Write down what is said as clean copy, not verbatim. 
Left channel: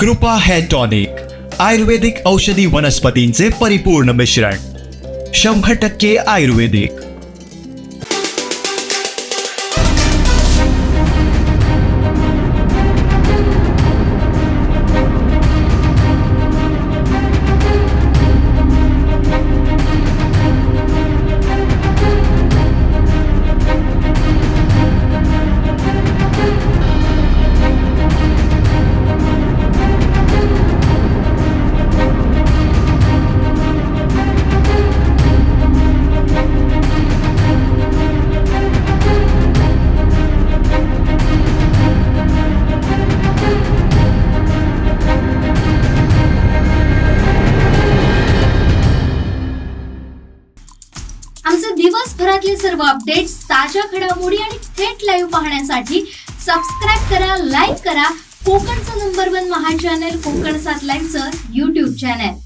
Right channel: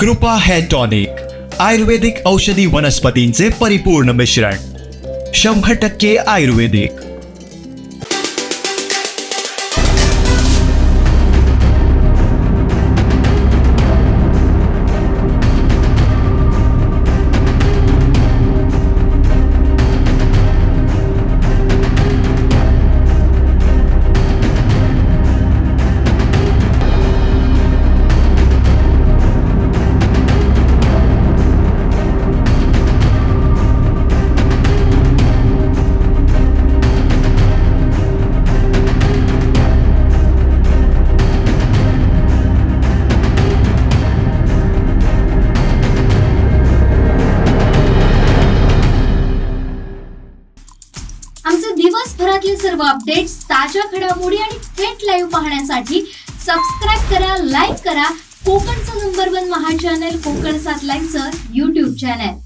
कृपा hair tonic आयुर्वेदिक औषधी वनस्पतींचे परिपूर्ण मिश्रण 100% आयुर्वेदिक। आमचे दिवसभरातले सर्व अपडेट्स, ताज्या घडामोडी आणि थेट लाईव्ह पाहण्यासाठी सबस्क्राईब करा, लाईक करा कोकणचं नंबर 1 महा चॅनल कोकण 7 लाईनचं YouTube चॅनल।